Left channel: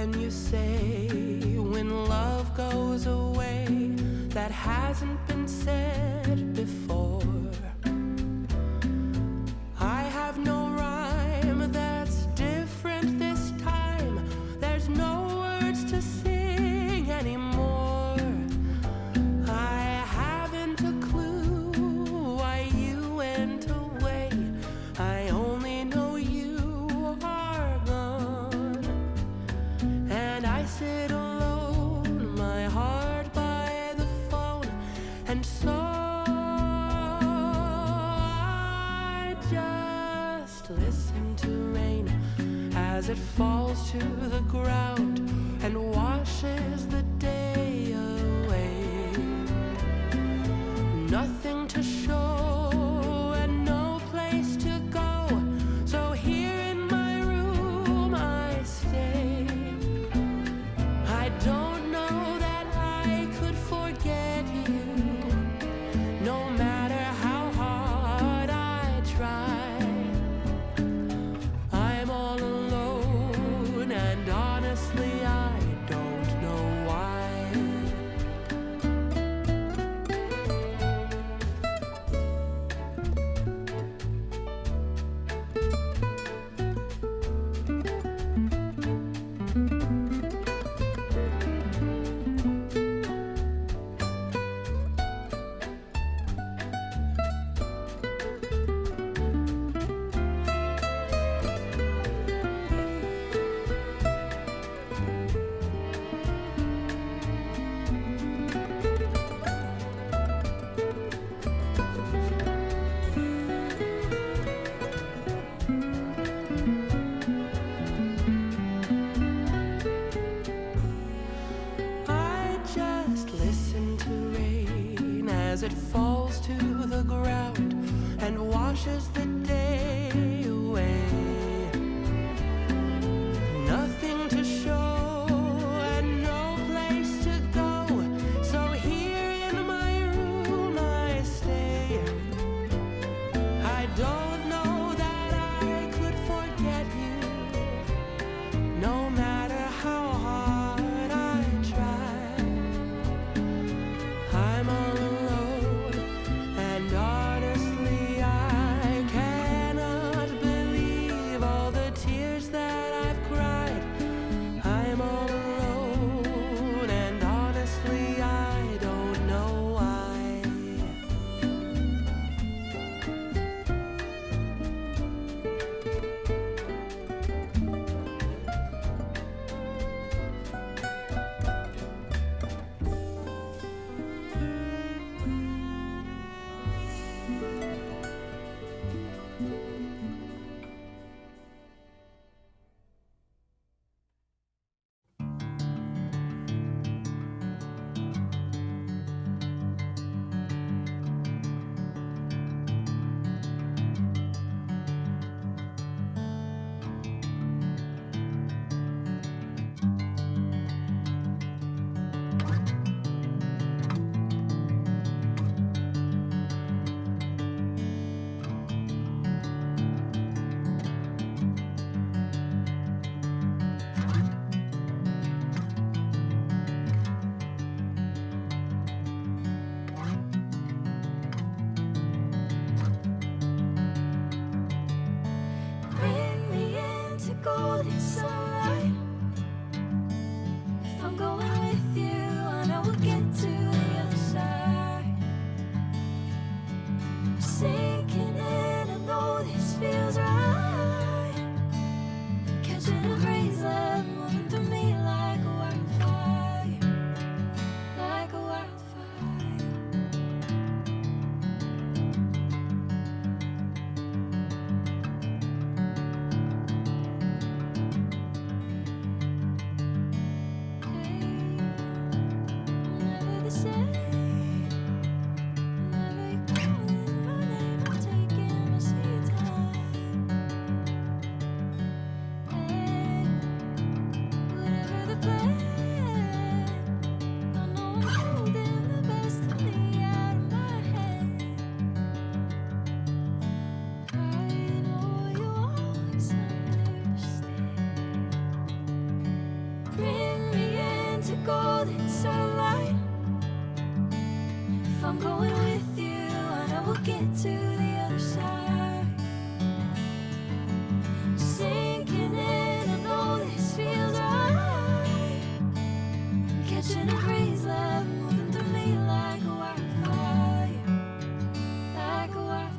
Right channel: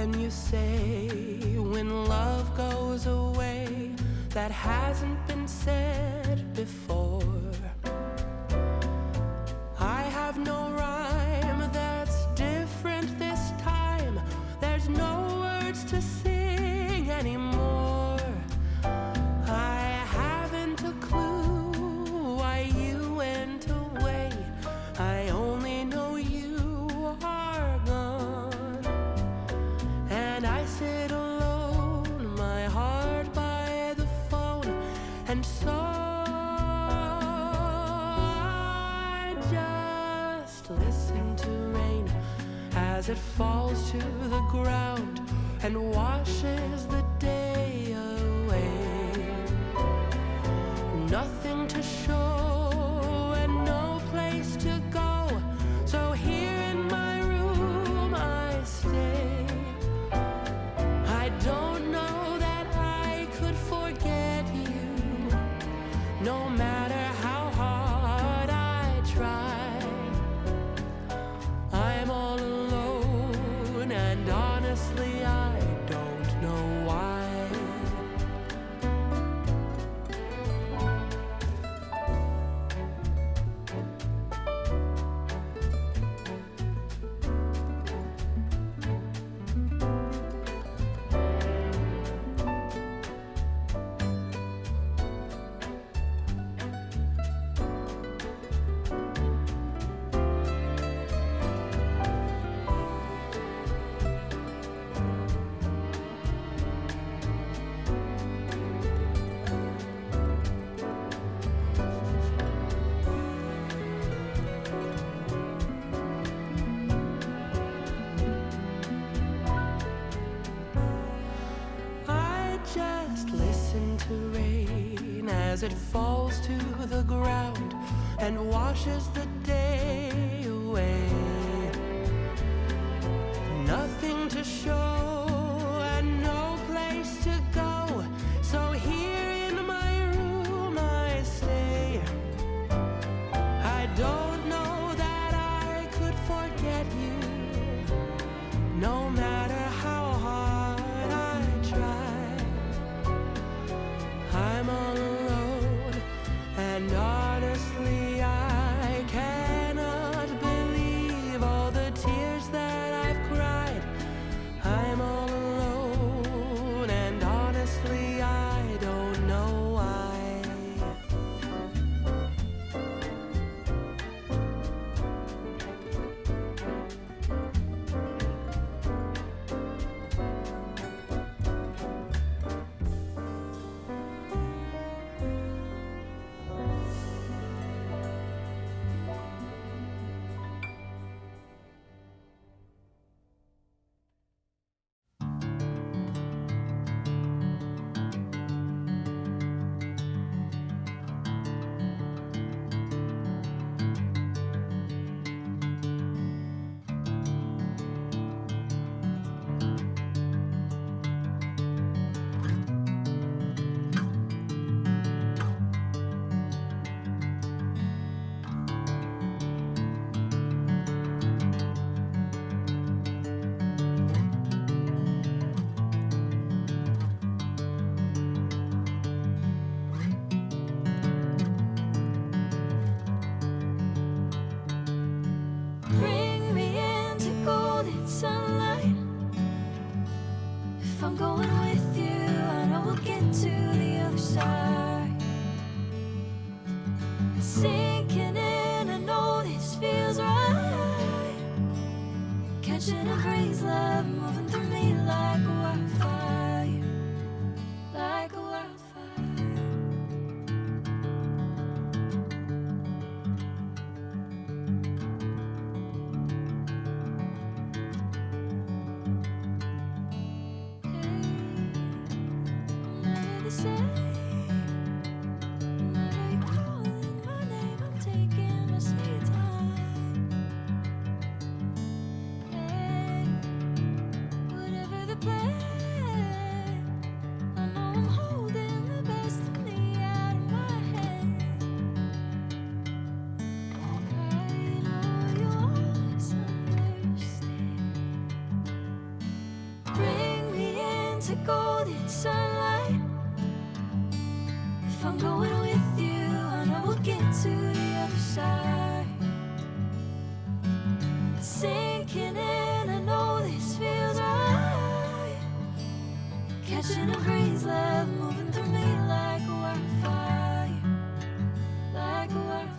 When you say when love goes away, that hasn't been said before. I have no rhyme that's different this time. There's no words to sing anymore. I haven't a clue why you went away. I only know you are gone. And I sit alone, my heart by the phone. And so I just listen to rain as it falls to the ground and washes the day away. Nothing to show and no place to go, so here in my room I stay. I don't know that I could forget you, no matter how hard I try. I'm all alone, and honestly I don't know why. As it falls to the ground and washes the day away. Nothing to show and no place to go, so here in my room I stay. I don't know that I could forget you, no matter how hard I try. I'm all alone, and honestly I cannot believe all the tears that I've cried. I'm all alone, and honestly I don't know why. Bring me into golden sunlight. If I'm going with you, I know we'll get to the other side. Sinking in, I know this feels right. Catching a breeze, love moving through me like a wildfire, like a wildfire. I'm never the same. Whenever you're calling my name, I'm taking my sweet time. Hey, whatever the plan, I know I'm holding the best of me out of my hand. I know you always understand. golden sunlight. If I'm going with you, I know we'll get to the other side. Sinking in, I know this feels right. Catching a breeze, love moving through me like a wildfire, like a wildfire.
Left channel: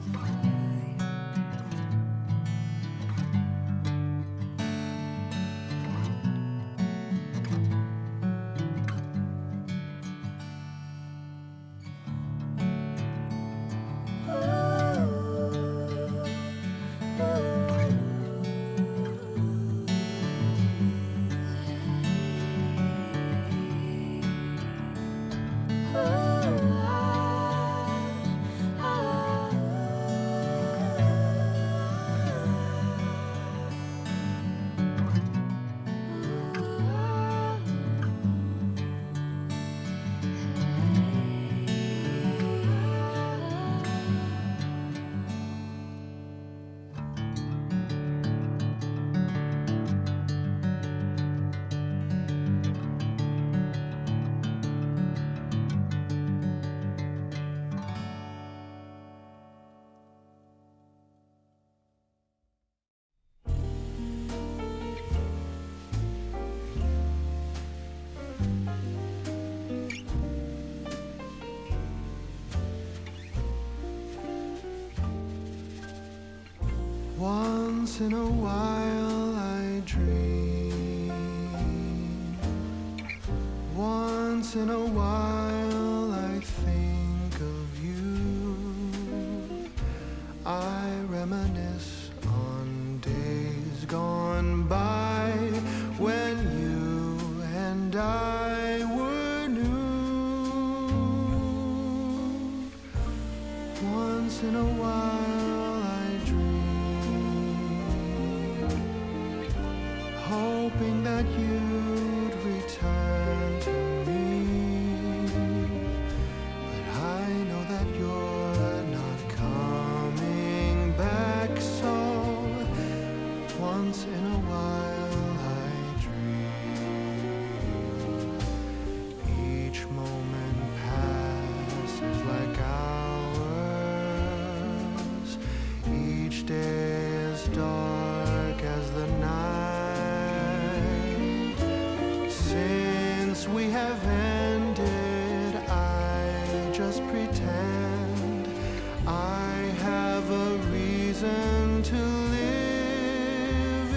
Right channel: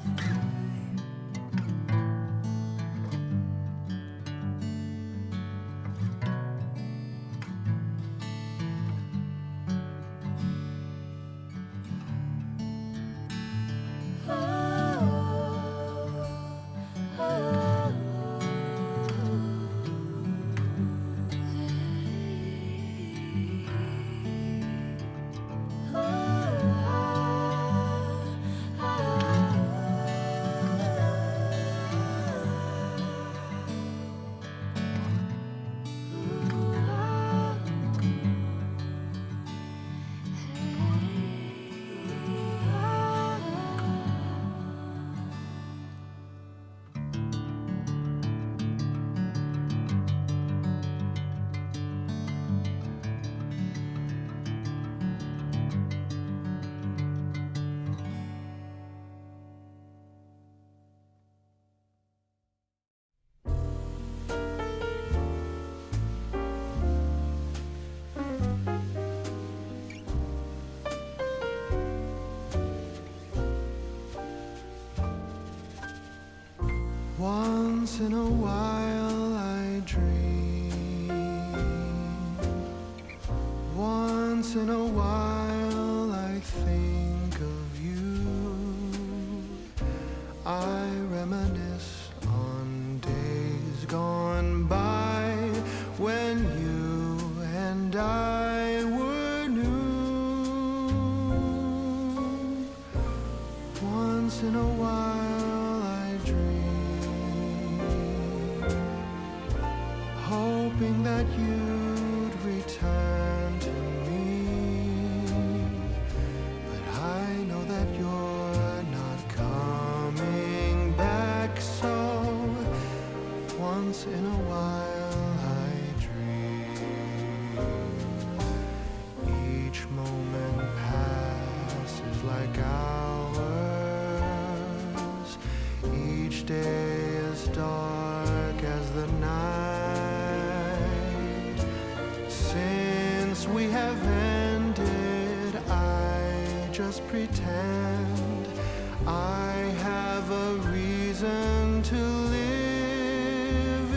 Once in a while I dream. Once in a while I think of you. I reminisce on days gone by when you and I were new. Once in a while I dream, hoping that you'd return to me. But I know that you're not coming back, so once in a while I dream. Each moment passes like hours. Each day is dark as the night. Since we have ended, I just pretend I have a reason to live.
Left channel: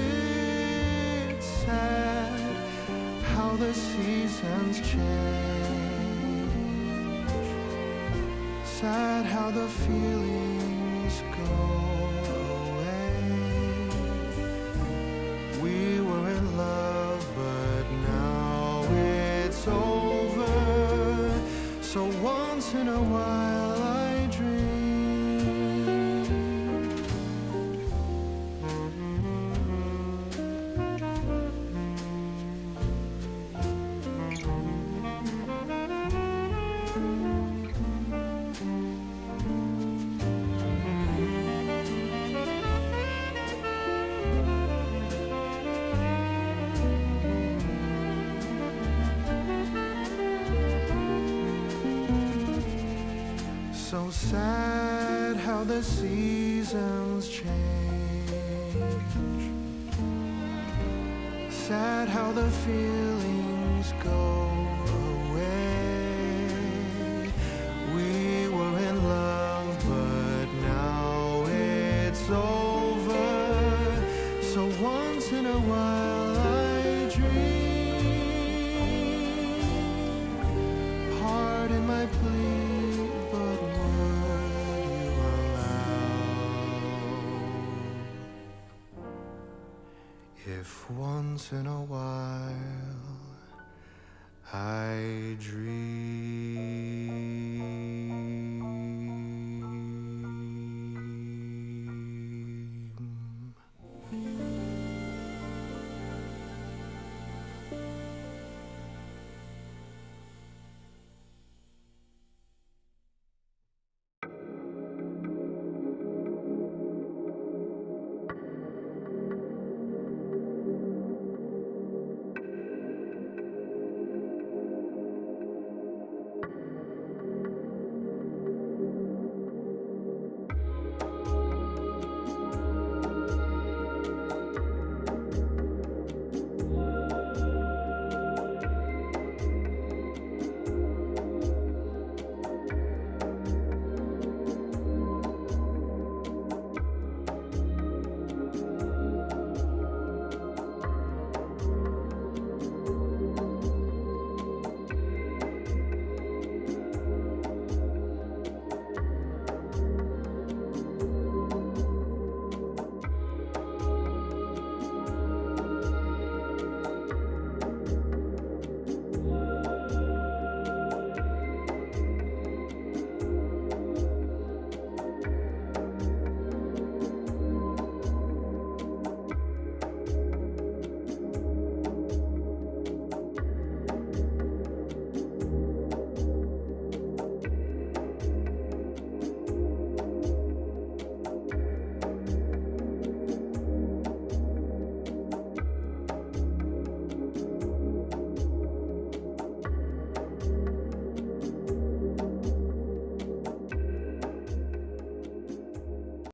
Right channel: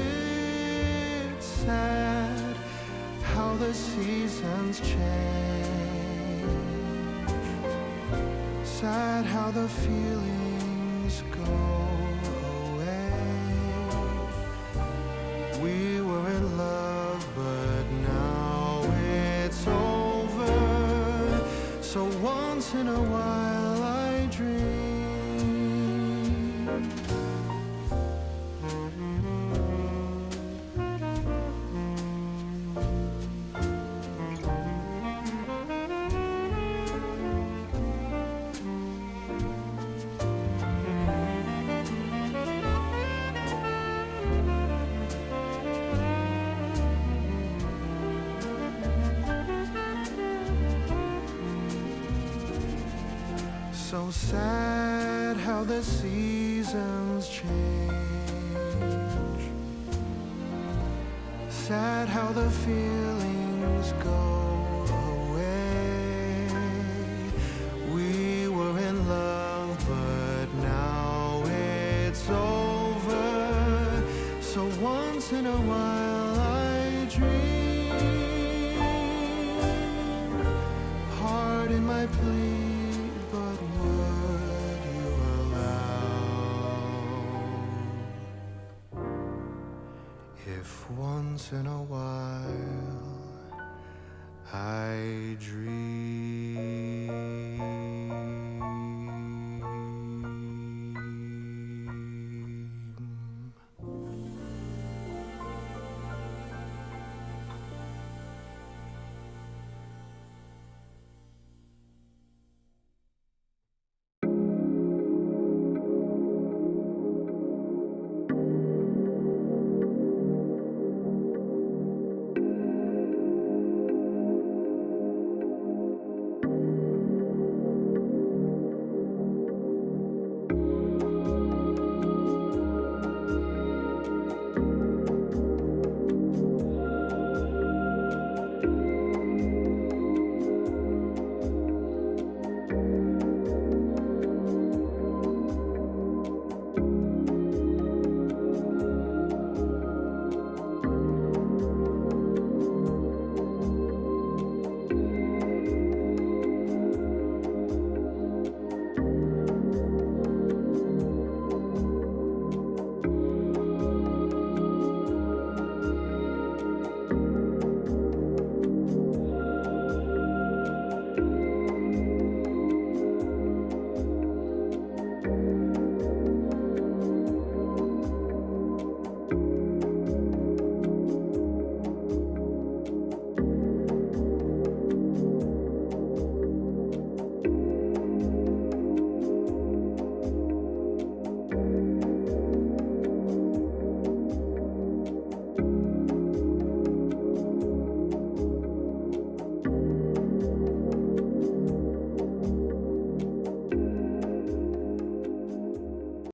It's sad how the seasons change. Sad how the feelings go away. We were in love, but now it's over. So once in a while I dream. So sad how the seasons change. Sad how the feelings go away. We were in love, but now it's over. So once in a while I dream. Pardon my plea, but would you allow if once in a while I dream?